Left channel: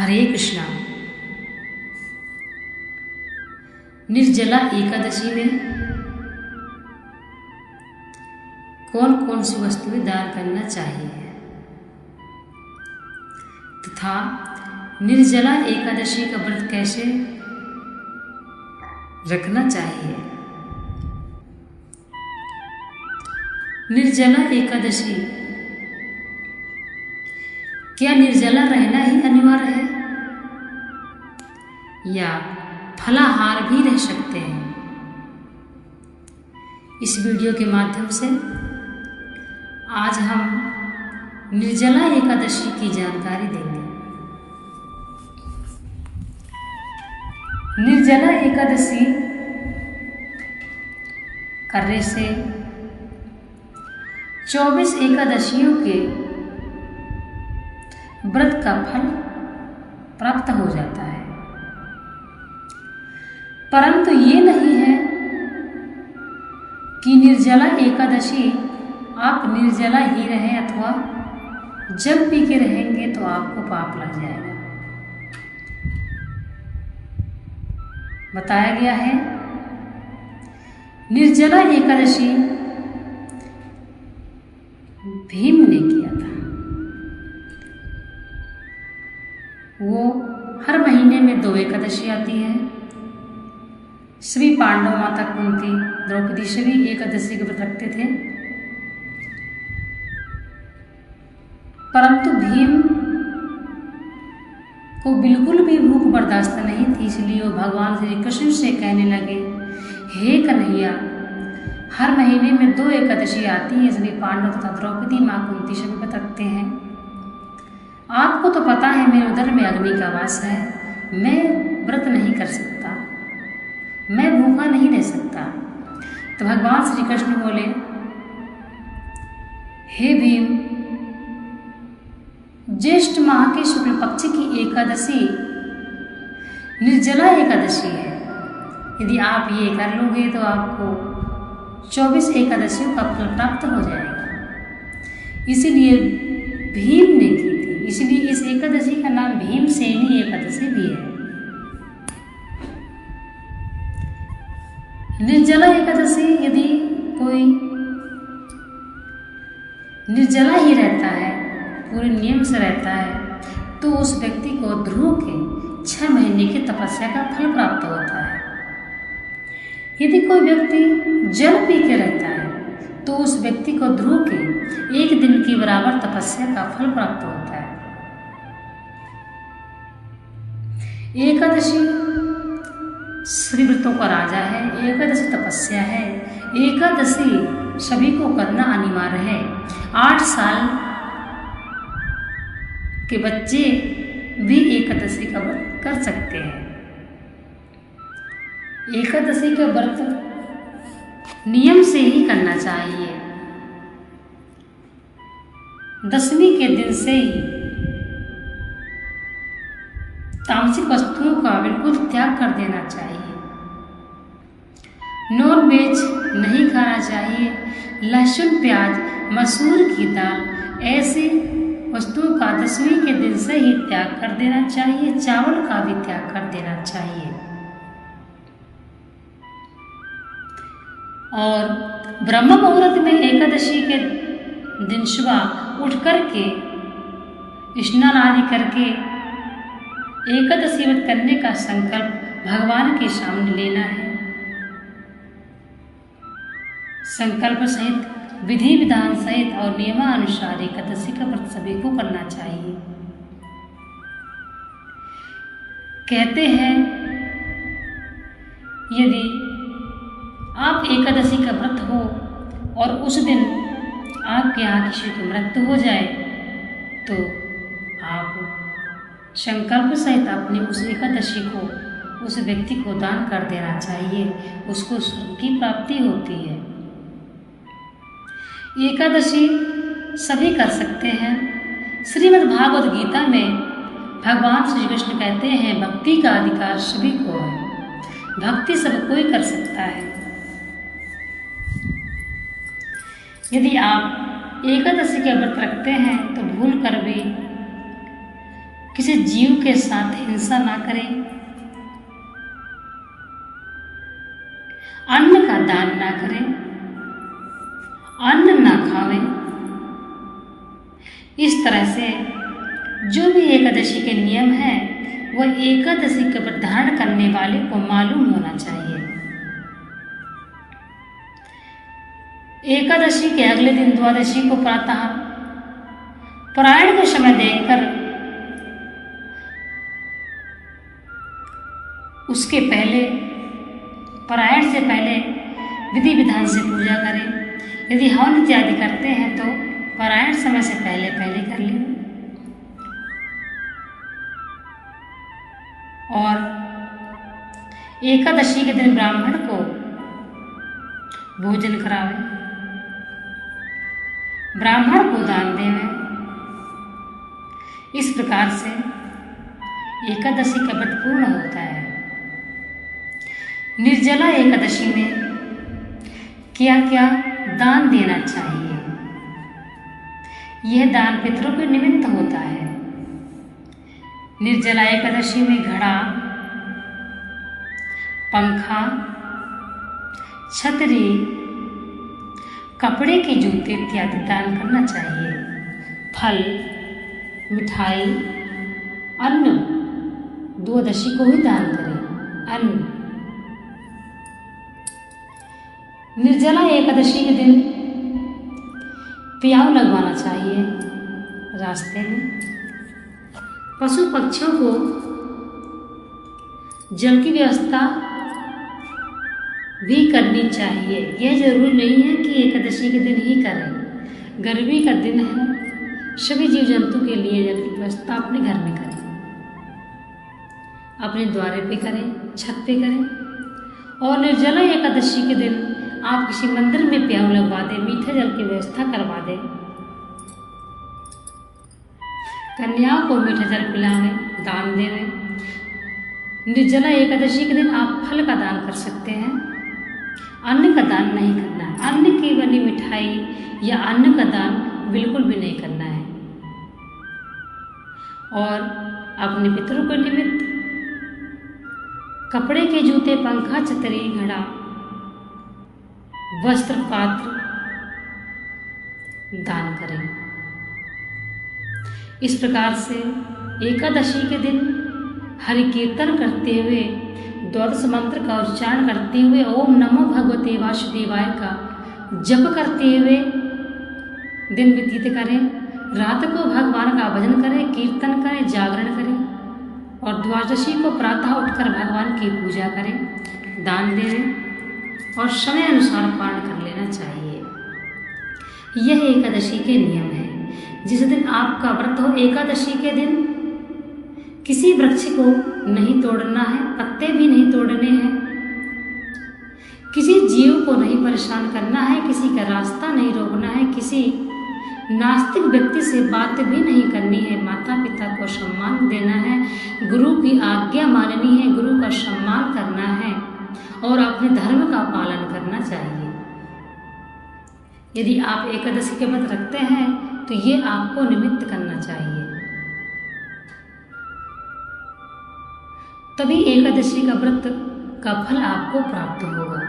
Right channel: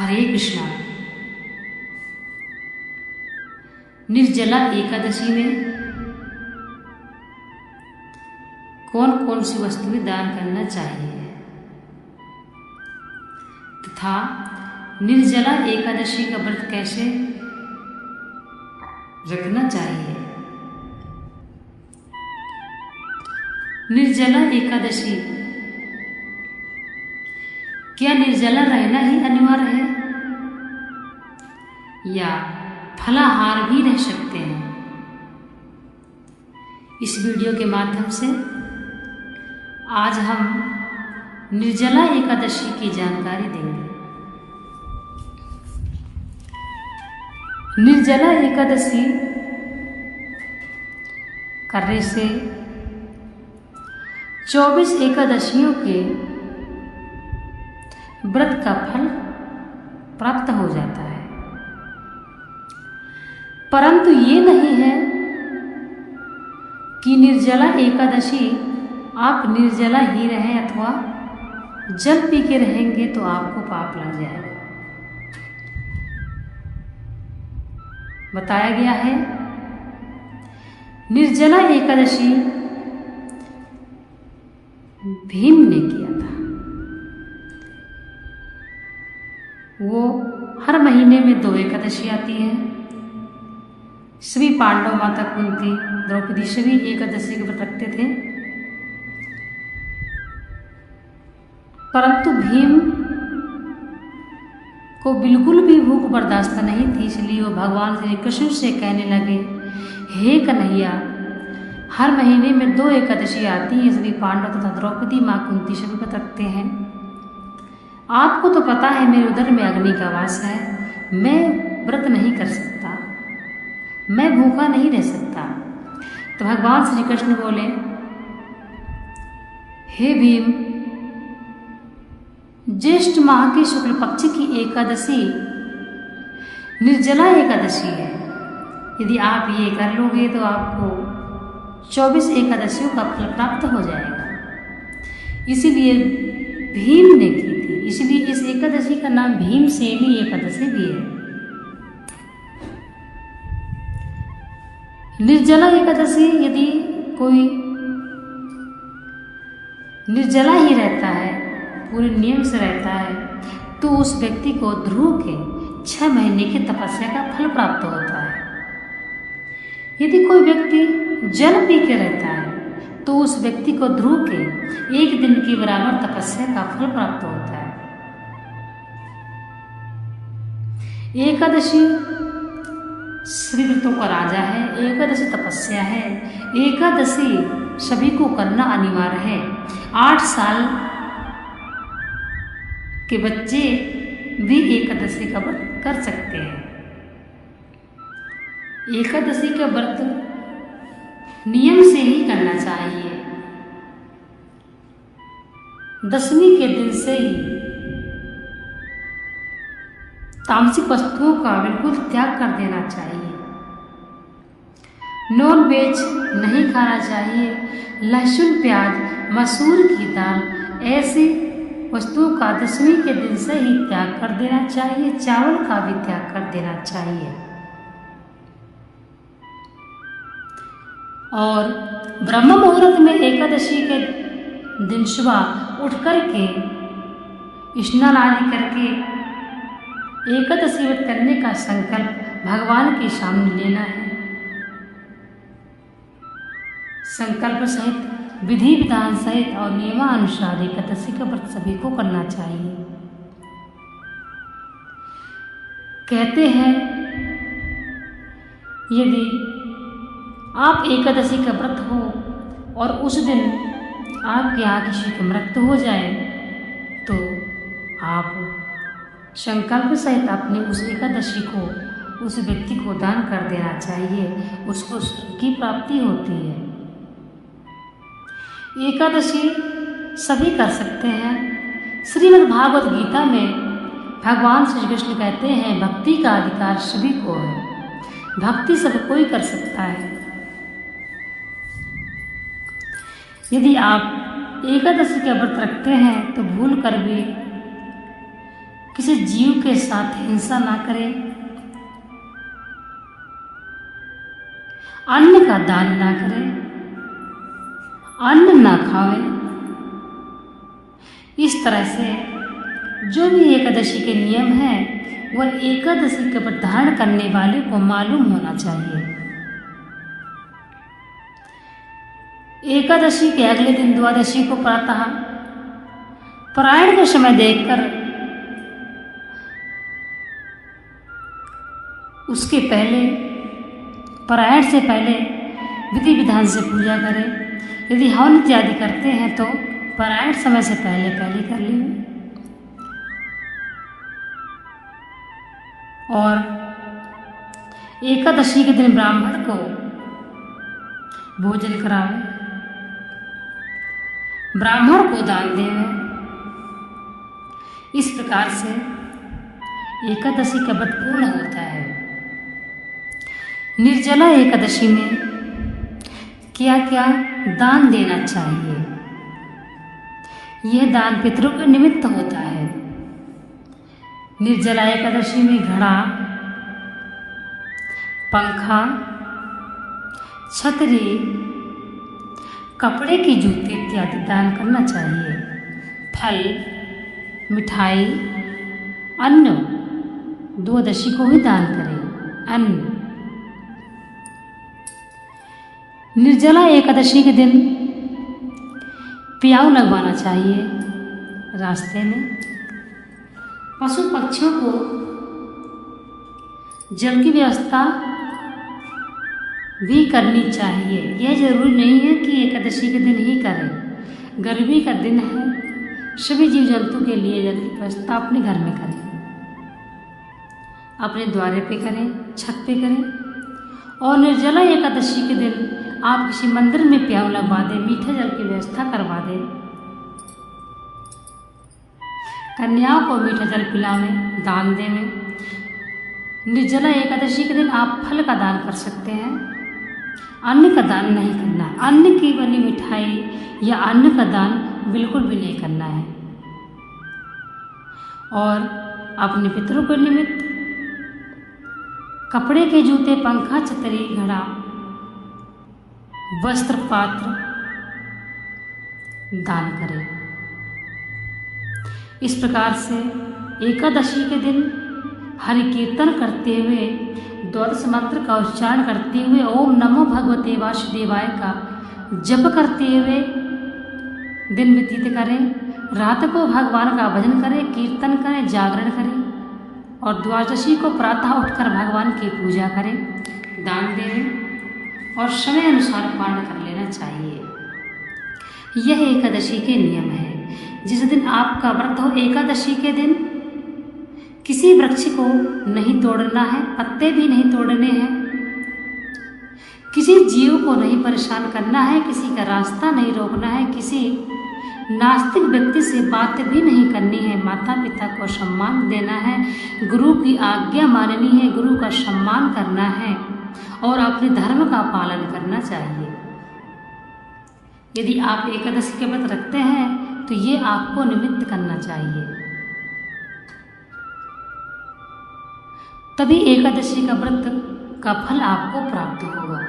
हरे कृष्णा। निर्जला एकादशी में कौन कौन सी वस्तुएं दान करना चाहिए तथा निर्जला एकादशी का व्रत कैसे रखना चाहिए। निर्जला एकादशी, क्या निर्जला रहना ही अनिवार्य है या फलाहार भी रह सकते हैं? इस वीडियो के माध्यम से आज हम निर्जला एकादशी की जानकारी देंगे। निर्जला एकादशी करने से 24 एकादशियों के व्रत का फल प्राप्त हो जाता है, परंतु ये नहीं है कि निर्जला एकादशी आप निर्जला ही रहें अथवा जल पी के रहेंगे तो आपको पाप लग जाएगा। बताया गया है निर्जला एकादशी भीम ने किया था। वो हर महीने में 2 एकादशी आती है। सभी पांडव, माता कुंती, द्रौपदी सभी एकादशी के व्रत रखते थे, परंतु भीम को बिल्कुल भी भूख बर्दाश्त नहीं थी। इसलिए वो भगवान श्री कृष्ण से कहने लगे, हे कन्हैया, हर महीने में 2 एकादशी आती हैं, सभी पांडव तथा द्रौपदी, माँ कुंती सभी व्रत रखते हैं। आपको तो पता है मेरे उदर में अग्नि का वास है, मैं व्रत नहीं कर सकता, मैं भूखा नहीं रह सकता। तो भगवान श्री कृष्ण बोले, हे भीम, ज्येष्ठ माह की शुक्ल पक्ष की एकादशी निर्जला एकादशी है। यदि आप ये कर लोगे तो आपको 24 एकादशियों का फल प्राप्त हो जाएगा। इसीलिए भीम ने की थी, इसलिए इस एकादशी का नाम भीमसेनी एकादशी भी है। निर्जला एकादशी, यदि कोई निर्जला ही रहता है, पूरे नियम से रहता है, तो उस व्यक्ति को ध्रुव के 6 महीने की तपस्या का फल प्राप्त होता है। यदि कोई व्यक्ति जल पी के रहता है तो उस व्यक्ति को ध्रुव के 1 दिन की बराबर तपस्या का फल प्राप्त होता है। एकादशी श्री व्रतों का राजा है, एकादशी तपस्या है, एकादशी सभी को करना अनिवार्य है। 8 साल के बच्चे भी एकादशी का व्रत कर सकते हैं। एकादशी का व्रत नियम से ही करना चाहिए। 10वीं के दिन से ही तामसिक वस्तुओं का बिल्कुल त्याग कर देना चाहिए। नॉन वेज नहीं खाना चाहिए। लहसुन, प्याज, मसूर की दाल, ऐसी वस्तुओं का 10वीं के दिन से ही त्याग कर देना चाहिए। चावल का भी त्याग कर देना चाहिए। और ब्रह्म मुहूर्त में एकादशी के दिन सुबह उठ करके स्नान आदि करके एकादशी व्रत करने का संकल्प भगवान के सामने लेना है। संकल्प सहित, विधि विधान सहित और नियमानुसार एकादशी का व्रत सभी को करना चाहिए। कहते हैं यदि आप एकादशी का व्रत हो और उस दिन आपके यहाँ किसी की मृत्यु हो जाए तो आप संकल्प सहित अपने उस एकादशी को उस व्यक्ति को दान कर देना चाहिए, उसको स्वर्ग की प्राप्ति होती है। एकादशी सभी कर सकते हैं। श्रीमद् भागवत गीता में भगवान श्री कृष्ण कहते हैं, भक्ति का अधिकार सभी को है, भक्ति सब कोई कर सकता है। यदि आप एकादशी का व्रत रखते हैं तो भूल कर भी किसी जीव के साथ हिंसा ना करें, अन्न का दान ना करें, अन्न ना खावें। इस तरह से जो भी एकादशी के नियम हैं वह एकादशी का व्रत धारण करने वाले को मालूम होना चाहिए। एकादशी के अगले दिन द्वादशी को प्रातः परायण का समय देखकर उसके पहले परायण से पहले विधि विधान से पूजा करें। यदि हवन इत्यादि करते हैं तो परायण समय से पहले कर लें। और एकादशी के दिन ब्राह्मण को भोजन करावें, ब्राह्मण को दान देवें। इस प्रकार से एकादशी का व्रत पूर्ण होता है। निर्जला एकादशी में क्या क्या दान देना चाहिए? यह दान पितरों के निमित्त होता है। निर्जला एकादशी में घड़ा, पंखा, छतरी, कपड़े की जूते इत्यादि दान करना चाहिए। फल, मिठाई, अन्न द्वादशी को ही दान करें। अन्न। निर्जला एकादशी के दिन प्याऊ लगवाना चाहिए। रास्ते में पशु पक्षियों को जल की व्यवस्था भी करनी चाहिए। यह जरूरी नहीं है कि एकादशी के दिन ही करें। गर्मी का दिन है, सभी जीव जंतु के लिए जल की व्यवस्था अपने घर में करें, अपने द्वारे पे करें, छत पे करें। और निर्जला एकादशी के दिन आप किसी मंदिर में प्याऊ लगवा दें, मीठे जल की व्यवस्था करवा दें, कन्याओं को मीठा जल पिलावें, दान देवें। निर्जला एकादशी के दिन आप फल का दान कर सकते हैं, अन्न का दान नहीं करना है। अन्न की बनी मिठाई या अन्न का दान बिल्कुल भी नहीं करना है। और अपने पितरों के निमित्त कपड़े के जूते, पंखा, छतरी, घड़ा, वस्त्र, पात्र दान करें। इस प्रकार से एकादशी के दिन हरि कीर्तन करते हुए, द्वादश मंत्र का उच्चारण करते हुए, ओम नमो भगवते वासुदेवाय का जप करते हुए दिन व्यतीत करें। रात को भगवान का भजन करें, कीर्तन करें, जागरण करें। और द्वादशी को प्रातः उठकर भगवान की पूजा करें, दान दें और समय अनुसार पारण कर लेना चाहिए। यह एकादशी के नियम है। जिस दिन आपका व्रत हो, एकादशी के दिन किसी वृक्ष को नहीं तोड़ना है, पत्ते भी नहीं तोड़ने हैं, किसी जीव को नहीं परेशान करना है, किसी का रास्ता नहीं रोकना है, किसी नास्तिक व्यक्ति से बात भी नहीं करनी है, माता पिता को सम्मान देना है, गुरु की आज्ञा माननी है, गुरु का सम्मान करना है और अपने धर्म का पालन करना चाहिए। यदि आप एकादशी के व्रत रखते हैं तो ये आपको निमित्त करना चाहिए, तभी एकादशी का व्रत का फल आपको प्राप्त होगा।